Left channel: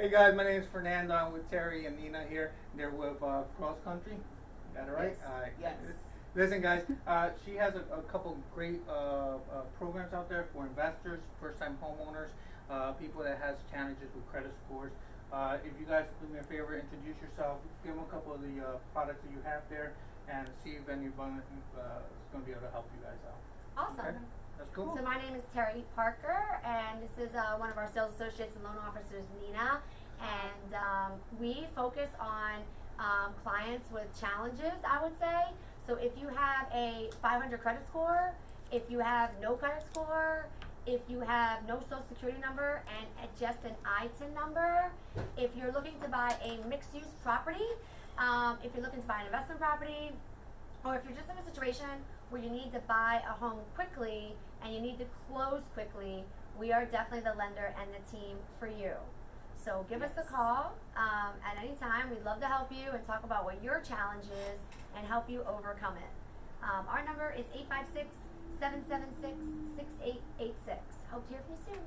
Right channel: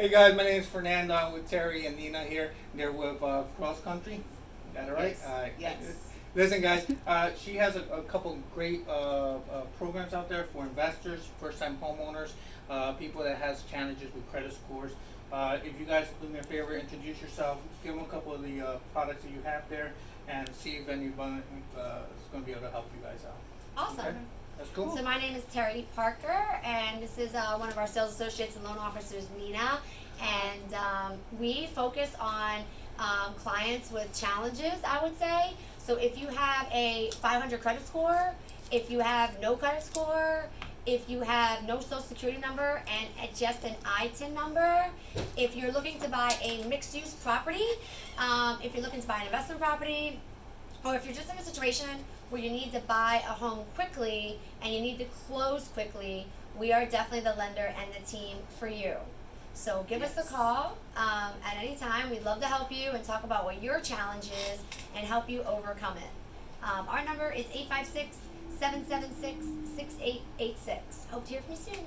Hey guys, my name is Fernando. I'm with Terry and Nina here. They're with Cross Country. Got it right? Yes. Alright. Yes. Listen, guys, she has a couple great programs out there for investors, first time homeowners, people that has challenges with credit scores. If you guys do me a favor, introduce yourself, give them a couple of the products that you have there, and see if anyone is going to be able to help you guys out. Awesome. Okay? That's cool. So my name is Terry Parker, and this is one of our sales associates and loan officers, Nina. And we focus on clients with challenges, I would say. So if you have a 500 credit score, if you have no credit score, if you have no social security number and just an ITIN number, if you're looking to buy a mixed use property, if you're looking to buy an investment property, or if you're just in a situation where you need to buy a home quickly and you need to close quickly, we are definitely the lender and the team for you. So give us a call at any time. We'd love to help you and talk about what your challenge is and help you overcome it. Our number is 856 776 6886. Hope to hear from you soon.